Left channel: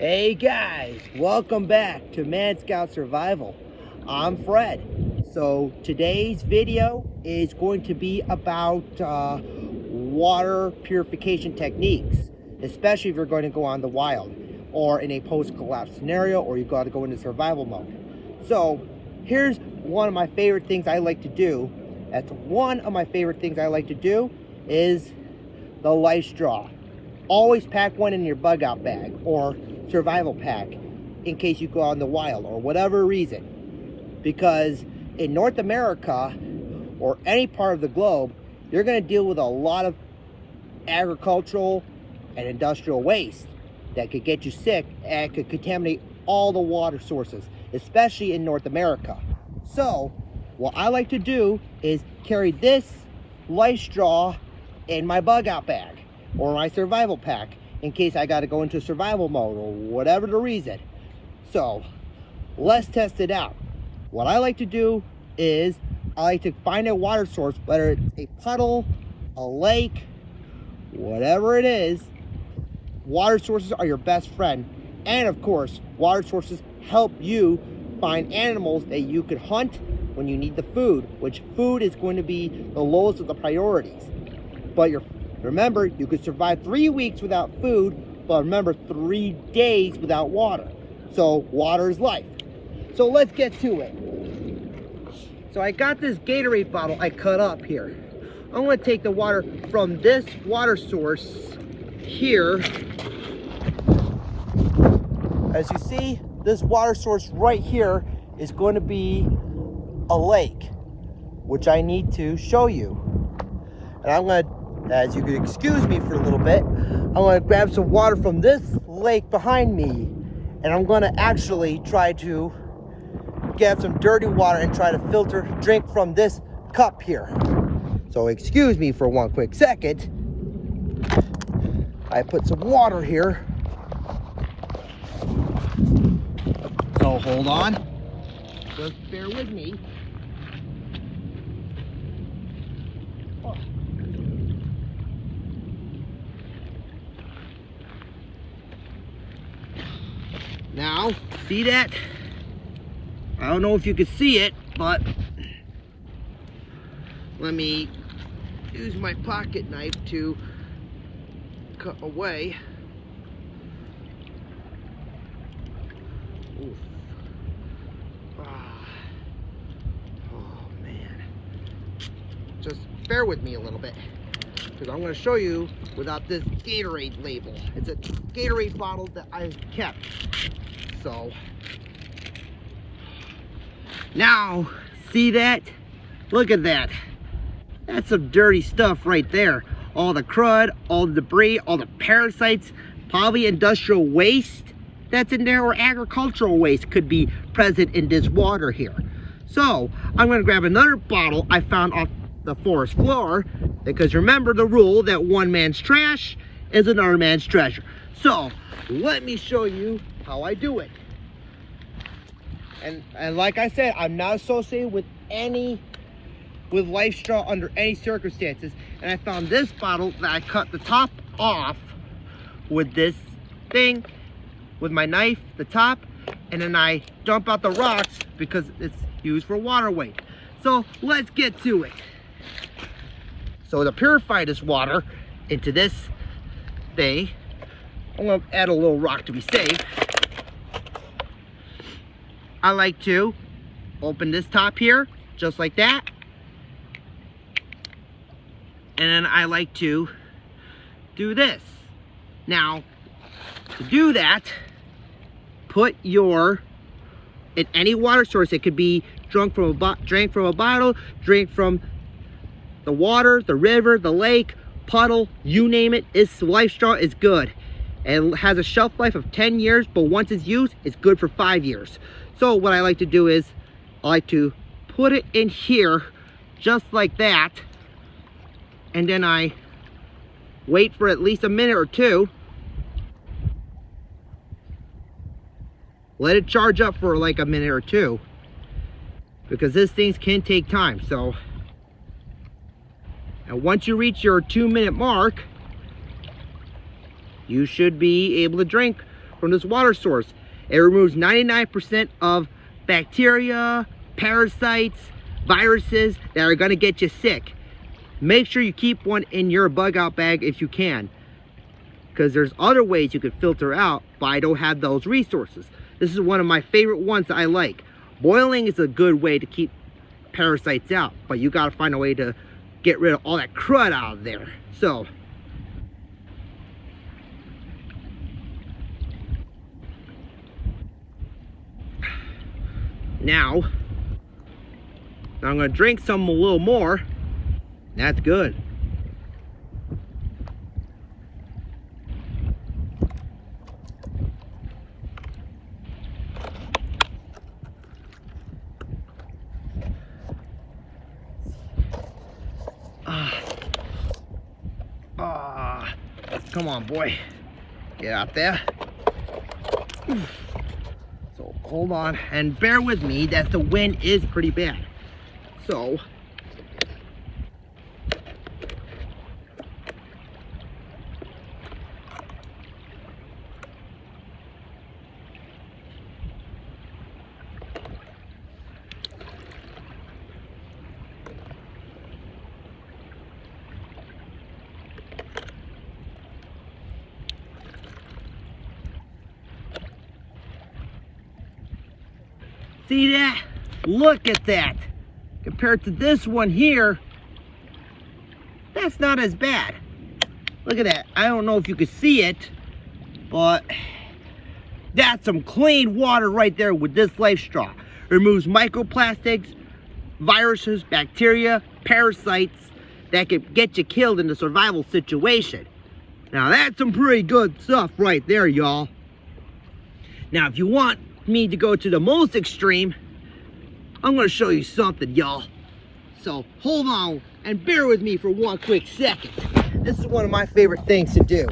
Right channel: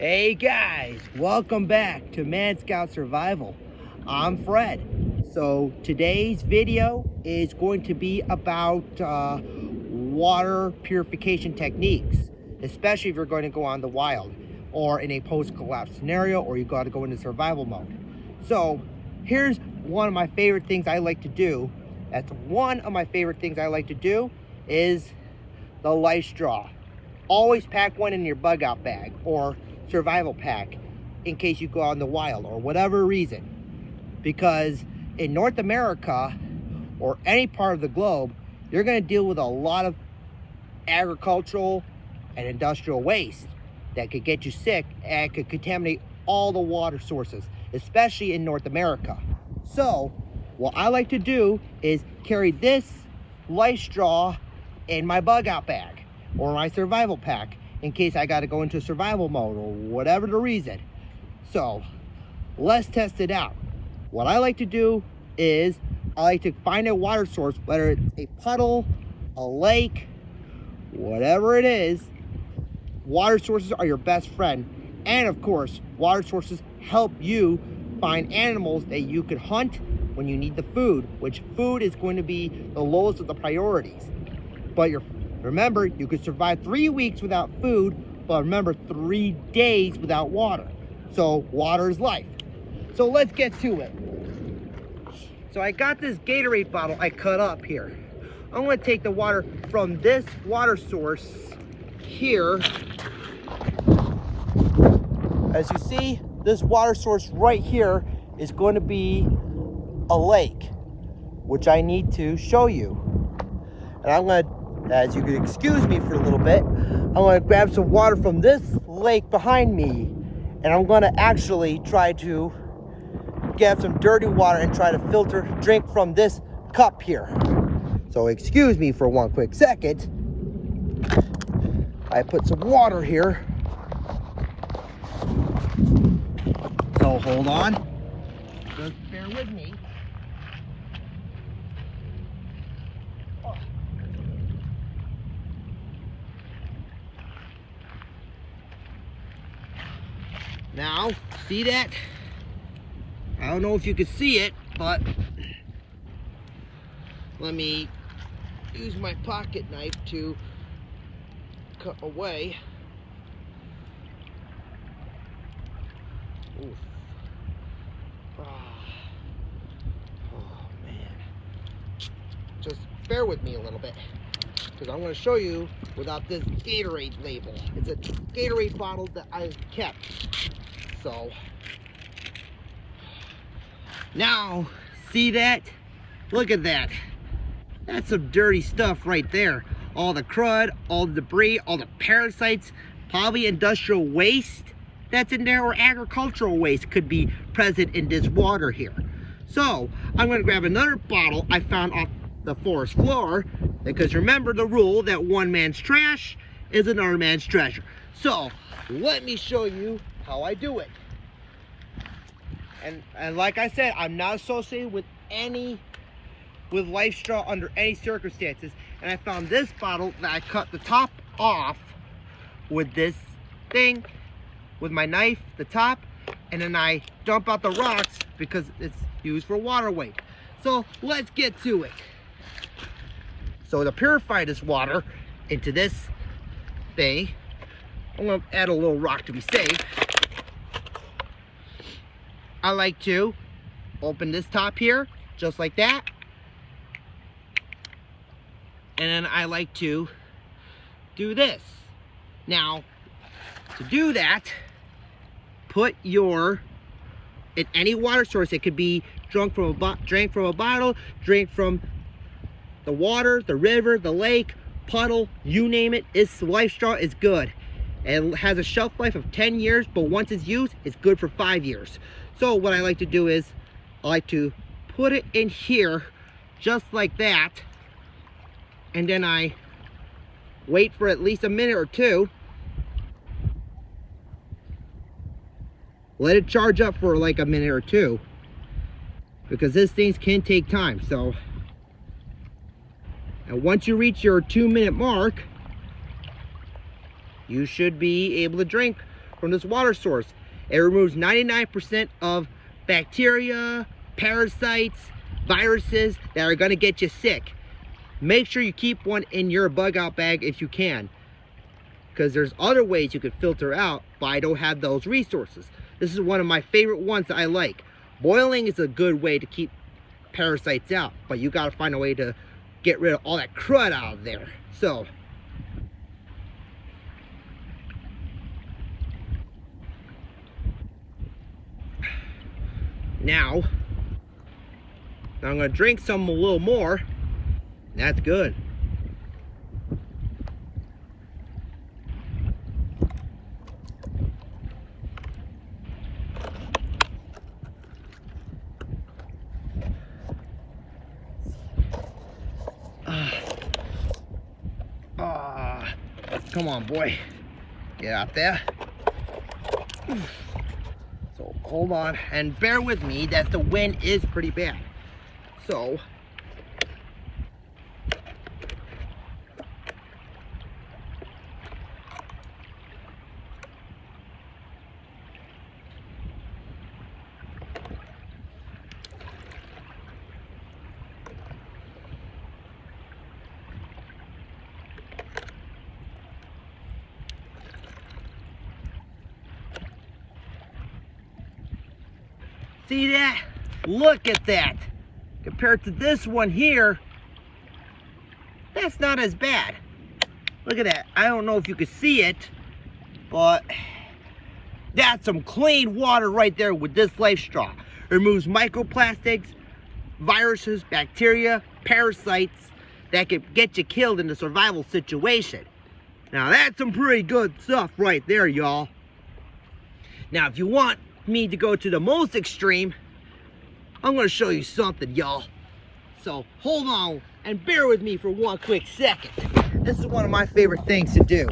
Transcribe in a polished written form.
Hey guys, welcome back to Man Scout Survival. I'm Fred. So today's video is going to be about water purification techniques, especially if you're going to go on the wild or in a post-collapse scenario, or you got to go into survival mode. So here's one of my favorite things I like to do. That's one of my favorite things I like to do is the lifestraw. Always pack one in your bug out bag or survival pack in case you go out in the wild or whatever reason, because in North America or any part of the globe, you're going to deal with a lot of agricultural and industrial waste that could get you sick and could contaminate all the water sources, especially in North America. So what I like to do is carry this lifestraw in my bug out bag or my survival pack in case I got to go into survival mode or whatever the reason. So let's test it out. What I like to do is I like to find a water source, whether it's a puddle, a lake, whatever it is. Water sources are your best friend. And of course, water sources help you find animals that you could hunt when you need the food, which food is going to be the lowest of the priorities. But remember, you could survive 3 weeks without food, but remember, 3 days without water. So water is life. So let's get to it. So I got this Gatorade bottle I cut up here. I'm going to take the water from this water source here. As you see, this water source right here is going to be a lake, which I need to show you. And I'm going to, as you could excuse me for a little bit, I'm going to grab some water from this lake behind me, and I'm going to actually try to get some dirty water and try to drink from this cup here. So excuse me for one quick second. I put some water here. So hold on. Just bear with me. Now, see that? I don't know if you can see it, but let me use my pocket knife to cut away. Oof. Oh man. Just bear with me a little bit, because I'm going to show you without this Gatorade label. It's a Gatorade bottle that I've kept. So now, see that? Look at that. That's some dirty stuff right there. All the crud, all the debris, all the parasites, probably industrial waste that's in there, or agricultural waste could be present in this water here. So I'm going to grab another bottle I found off the forest floor, because remember the rule that one man's trash is another man's treasure. So let me show you how I do it. And like I said, I'm not associated with lifestraw under any circumstances. And I found this bottle that I cut the top off with this thing, with my knife, the top, and then I dump out the rocks because it's used for water weight. So let's get to it. So to purify this water into this thing, I'm going to add a little rock to be safe. I like to open this top here, just like that. And then I like to do this. Now, to do that, put in any water source. It could be drank from a bottle, drink from the water, the river, the lake, puddle, you name it. This lifestraw is good. It has a shelf life of 10 years, but once it's used, it's good for 5 years. So what I like to do is, I like to put it in here, just like that, and then I wait for at least a minute or two. Let it charge up for like a minute or two, because these things can take time. So, and once you reach your 2-minute mark, you should be able to drink from this water source. It removes 99% of bacteria, parasites, viruses that are going to get you sick. Make sure you keep one in your bug out bag if you can, because there's other ways you could filter out, but I don't have those resources. This is one of my favorite ones that I like. Boiling is a good way to keep parasites out, but you got to find a way to get rid of all that crud out of there. So now I'm going to drink some a little more. That's good. Come on, boy. Get out there. So hold on and bear with me that the wind is pretty bad. So see that? Look at that. Compared to this one here, that's not as bad. Look at that. I don't know if you can see it, but that's some clean water right there with this lifestraw. It removes microplastics, viruses, bacteria, parasites that could get you killed in a survival situation. Now that's some pretty good stuff right there, y'all. Now if you want me to go to the most extreme, I'm going to show you something, y'all. So hold on and bear with me for one quick second. This is one of my favorite things to do.